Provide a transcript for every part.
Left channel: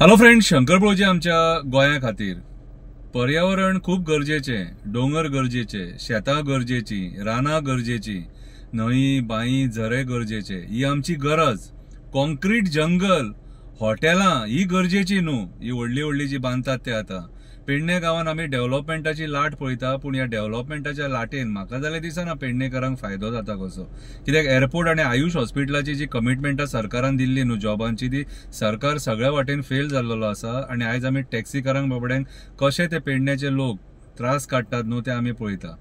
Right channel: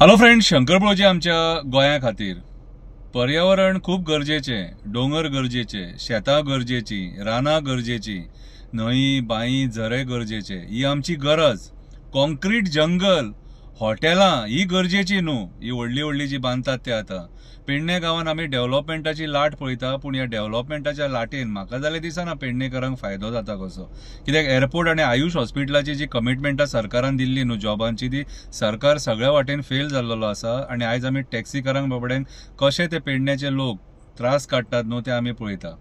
Hello friends, शंकरपळजी आमच्या गोंया खातीर पर्यावरण खूप गरजेचे, डोंगर गरजेचे, शेतां गरजेची, रानां गरजेची, न्हंय बाई झरे गरजेचे, ही आमची गरज. कॉन्क्रीट जंगल हॉटेलां ही गरजेची न्हू, ही व्हडली व्हडली जी बांदतात ते आता. पेडणे गांवांत आमी डेव्हलपमेंटाची लाट पळयता, पूण ह्या डेव्हलपमेंटाच्या लाटेन म्हाका जाल्यार दिसना पेडणेकारांक फायदो जाता कसो. कित्याक एअरपोर्ट आनी आयुष हॉस्पिटलाची जी कमिटमेंटां सरकारान दिल्ली न्हू जॉबांची, ती सरकार सगळ्या वाटेन फेल जाल्लो आसा. आनी आयज आमी टॅक्सीकारांक बाबड्यांक कशे ते पेडण्याचे लोक त्रास काडटात न्हू ते आमी पळयता.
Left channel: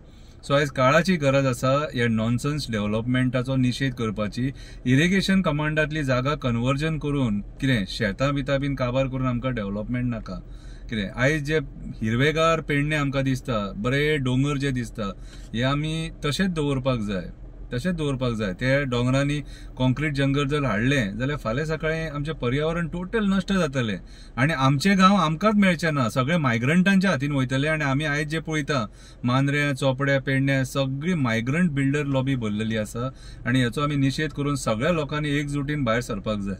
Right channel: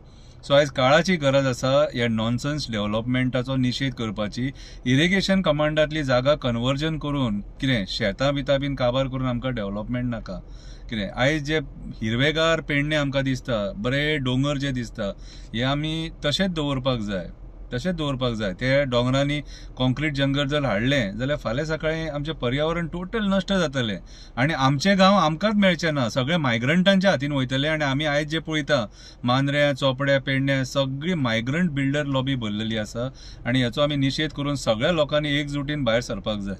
सो आयज काळाची गरज आसा ह्या नॉनसन्स डेव्हलपमेंटाचो निशेध करपाची. इरिगेशन कमांडांतली जागा कन्वर्जन करून कितें शेतां बितां बीन काबार करून आमकां डेव्हलपमेंट नाका. कितें आयज जे हिरवेगार पेडणे आमकां दिसता, बरे डोंगर जे दिसता, हे आमी तशेंच दवरपाक जाय, तशेंच दवरपाक जाय. ते डोंगरांनी कॉन्क्रीट जंगल जर हाडलें जाल्यार फाल्यां सकाळीं आमचें पर्यावरण टोटल नश्ट जातलें आनी आमचे गांव आमकांच मेळचे ना, सगळे मायग्रंटांच्या हातीन वयतले. आनी आमी आयज जे पळयता मांद्रे, चोपडे, पेडणे सगळी मायग्रंट बिल्डर लॉबी भरलेली आसा. आनी हेचो आमी निशेध करून सगळ्या लोकांनी एकजुटीन भायर सरपाक जाय.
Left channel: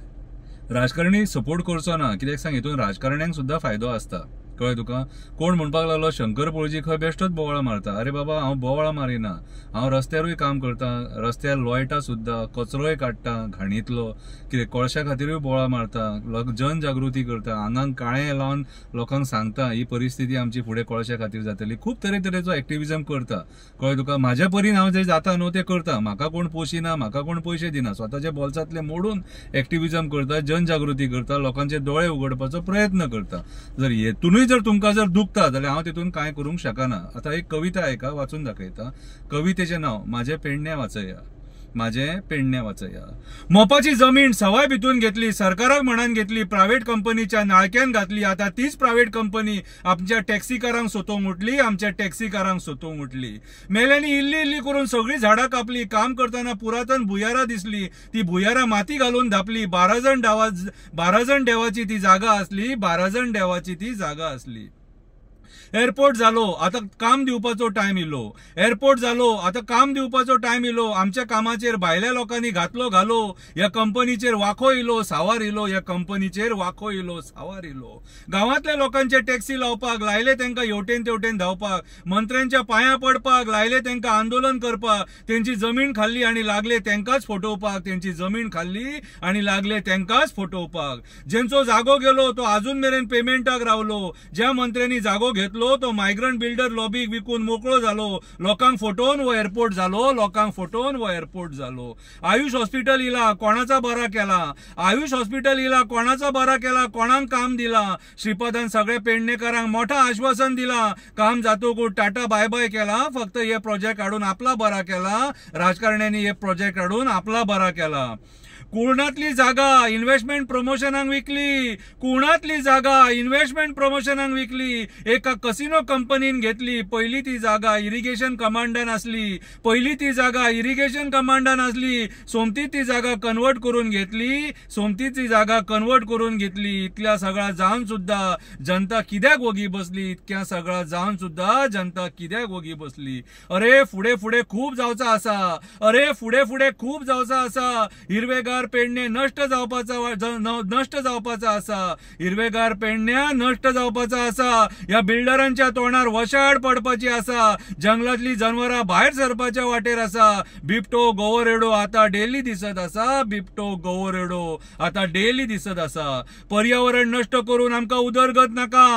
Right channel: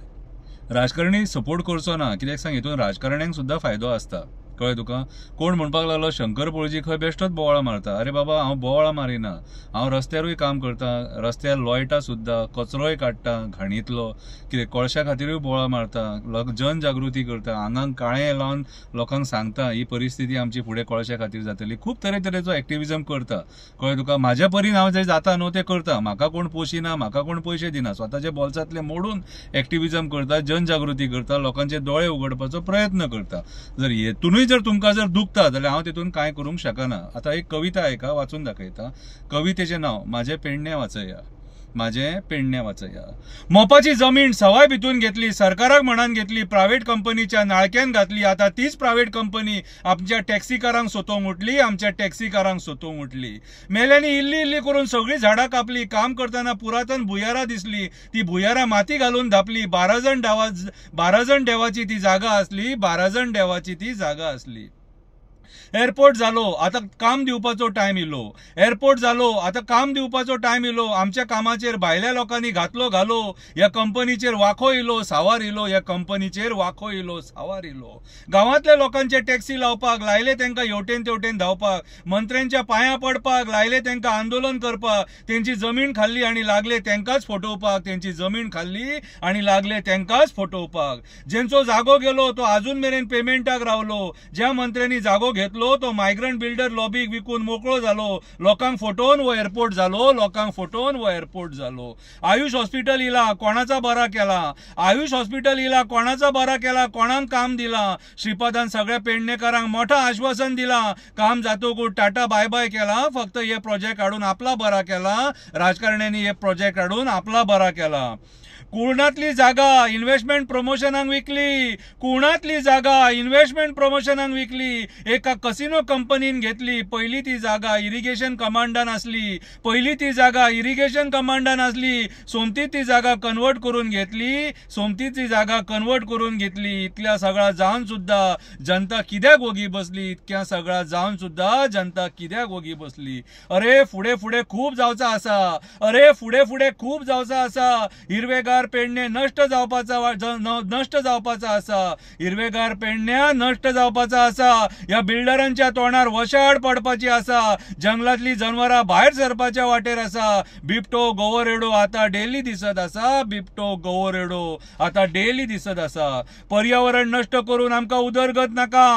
राजकारणी सपोर्ट करचो ना, कित्याक सांग हितून राजकारण्यांक सुद्दां फायदो आसता. कळ्ळें तुका. कोण म्हणपाक लागलो शंकरपळजी खंय बेश्टोच बोवाळां मारता. अरे बाबा, हांव बोवाळां मारिना, हांव रस्त्यारूय काम करता, रस्त्यार लोयटा सुद्दां, कचरोय काडटा घाणीतलो, कितें कोळशा खातीरूय बोवाळां मारता, जनजागृती करता, आंगांक काळें लावन लोकांक सांगता ही परिस्थिती आमची फुडें कोळशा खातीर जातली. खूब तरेतरेचो एक्टिविजम करता. कळ्ळें तुका. म्हाज्या परीन हांव जे जाता न्हू ते करता. म्हाका कोण पोशिना, म्हाका कोण पयशे दिना, स्वताच्या बोल्सांतले मोडून एक्टिविजम करता, जनजागृती करता, लोकांचे दोळे उगडपाचो प्रयत्न करता. जर हेतूनय जर तुमकां जर दुखता जाल्यार हांव तितून कांय करूंक शकना. आतां एक कविता आयका, वाचून दाखयता. कवितेचें नांव म्हाजें पेडणें वाचया. म्हाजें पेडणें वाचया. मोपाची जमीन सवाय भितून घेतली, सरकाराक म्हणान घेतली, प्रायव्हेट कंपनीच्या नाळक्यान घातली. आता तीच प्रायव्हेट कंपनी आमच्या टॅक्सीकारांक सोदूंक उठली, आमच्या टॅक्सीकारांक सोदूंक उठली. मेल्यांनी इल्ली इल्ली करून सगळी झाडां कापली. काम करतना पुरातन भुयारां दिसली, ती भुयारां माती घालून धापली. 12 जण देवाची ती जागा असली, 12 जण देवाची ती जागा असली. एअरपोर्ट जालो, आता काम दिवपाचो टायम इलो. एअरपोर्ट जालो, आता काम दिवपाचो टायम इलो. आमच्या कामाचेर भायल्या लोकांनी घातलो घालो. ह्या कंपनीचेर वाखो इलो, सावार इलो. ह्या कंपनीचेर वाखो इलो, सावार इलो. गांवांतल्या लोकांचे टॅक्सी लावपाक लायले, तांकां हेवटेन तेवटेन धांवपाक. मंत्र्यांच्या पांयां पडपाक लायले, तांकां आंदोलन करपाक. तेंची जमीन खाल्ली आनी लागले तांकांच फटोवपाक. तेंची जमीन खाल्ली आनी लागले तांकांच फटोवपाक. जेंचो जागो गेलो तो अजून मेरेन पेमेंटाक रावलो. ज्या मंत्र्यांनी जागो घेतलो तो मायग्रंट बिल्डर लॉबीक विकून मोकळो जालो. लोकांक फटोवन वो एअरपोर्ट जालो, लोकांक फटोवन वो एअरपोर्ट जालो. आयुष हॉस्पिटल इला, कोणाचा बरा केला. आयुष हॉस्पिटल इला, कोणाचा बरा केला, कोणाक काम दिला. श्रीपादान सगळ्या पेडणेकारांक मोठा आश्वासन दिला. काम जातकूच टाटा बाय बाय केला. फक्त हे प्रोजेक्ट हाडून आपला बरा केला. राजकारण्यांनी हे प्रोजेक्ट हाडून आपला बरा केला. कुर्णातली जागा इन्व्हेस्टमेंट प्रमोशनाक विकली. कुर्णातली जागा इन्व्हेस्टमेंट प्रमोशनाक विकली. एका कसिनो कंपनीन घेतली. पहिली ती जागा इरिगेशन कमांडान असली. पहिली ती जागा इरिगेशन कमांडान असली. सोमती ती जागा कन्वर्ट करून घेतली. सोमती ती जागा कन्वर्ट करून घेतली. इतल्या सगळा जावन सुद्धा जनता कित्याक वगी बसली. इतक्या सगळा जावन सुद्धा जनता कित्याक वगी बसली. अरे फुडें फुडें खूब जावचा आसा. अरे फुडें फुडें खूब जावचा आसा. हिरवेगार पेडणे नष्ट जावपाचा आसा. हिरवेगार पेडण्या नष्ट जावपाचा आसा. ह्या बिल्डरांच्या तोंडार वशाड पडपाची आसा. जंगलातली जनवरां भायर सरपाच्या वाटेर आसा. बिबटो गोवरेडो आता डेली दिसत आसा. बिबटो गोवरेडो आता डेली दिसत आसा. पर्यावरण नष्ट करून आमकां उदरगत नाका.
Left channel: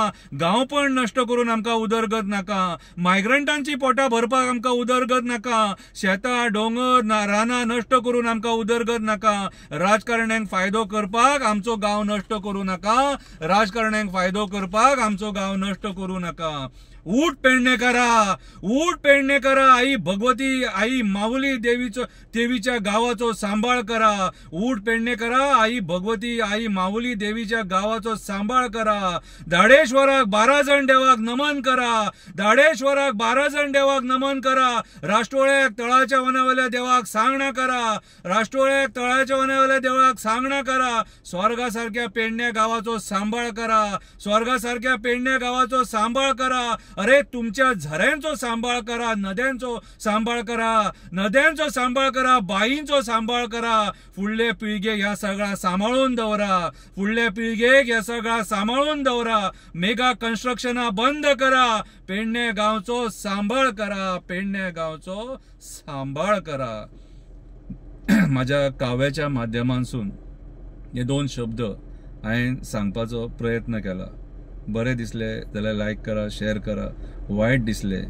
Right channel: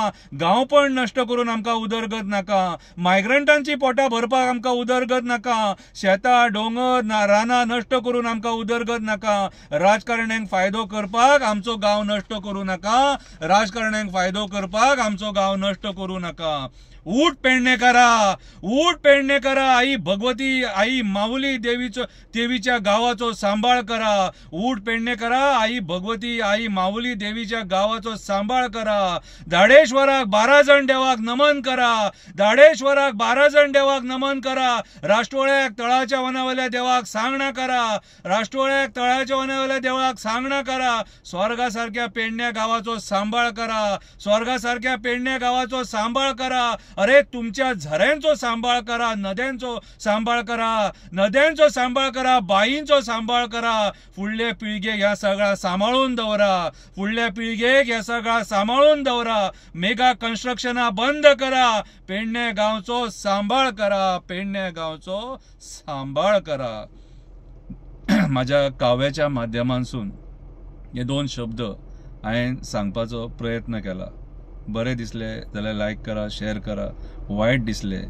गांवपण नष्ट करून आमकां उदरगत नाका. मायग्रंटांची पोटां भरपाक आमकां उदरगत नाका. शेतां डोंगर रानां नष्ट करून आमकां उदरगत नाका. राजकारण्यांक फायदो करपाक आमचो गांव नष्ट करू नका. राजकारण्यांक फायदो करपाक आमचो गांव नष्ट करू नका. उठ पेडणेकारा, उठ पेडणेकारा. आई भगवती, आई माऊली देवीच्या गावाचो सांभाळ करा. उठ पेडणेकारा. आई भगवती, आई माऊली देवीच्या गावाचो सांभाळ करा. धाडेश्वराक 12 जण देवाक नमन करा. धाडेश्वराक 12 जण देवाक नमन करा. राष्ट्रोळ्याक तळाच्या वनावल्या देवाक सांगणा करा. राष्ट्रोळ्याक तळाच्या देवाच्या देवळाक सांगणा करा, स्वर्गासारख्या पेडण्या गावाचो सांभाळ करा, स्वर्गासारख्या पेडण्या गावाचो सांभाळ करा. अरे तुमच्या झऱ्यांचो सांभाळ करा, नद्यांचो सांभाळ करा, नद्यांचो सांभाळ करा, बाईंचो सांभाळ करा. फुडले पिळगेक ह्या सगळा सांभाळून दवरा, फुडल्या पिळगेक ह्या सगळा सांभाळून दवरा. मेगा कन्स्ट्रक्शना बंद करा, पेडण्या गावचो सांभाळ करा, पेडण्या गावचो सांभाळ करा. माझ्या काव्याच्या माध्यमांसून हे 2 शब्द हांवें सांगपाचो प्रयत्न केला. बरें दिसले जाल्यार लायक करा, शेअर करा. वायट दिसले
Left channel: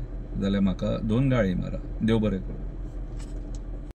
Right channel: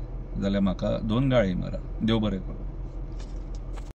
जाल्यार म्हाका 2 गाळी मारा. देव बरें करूं.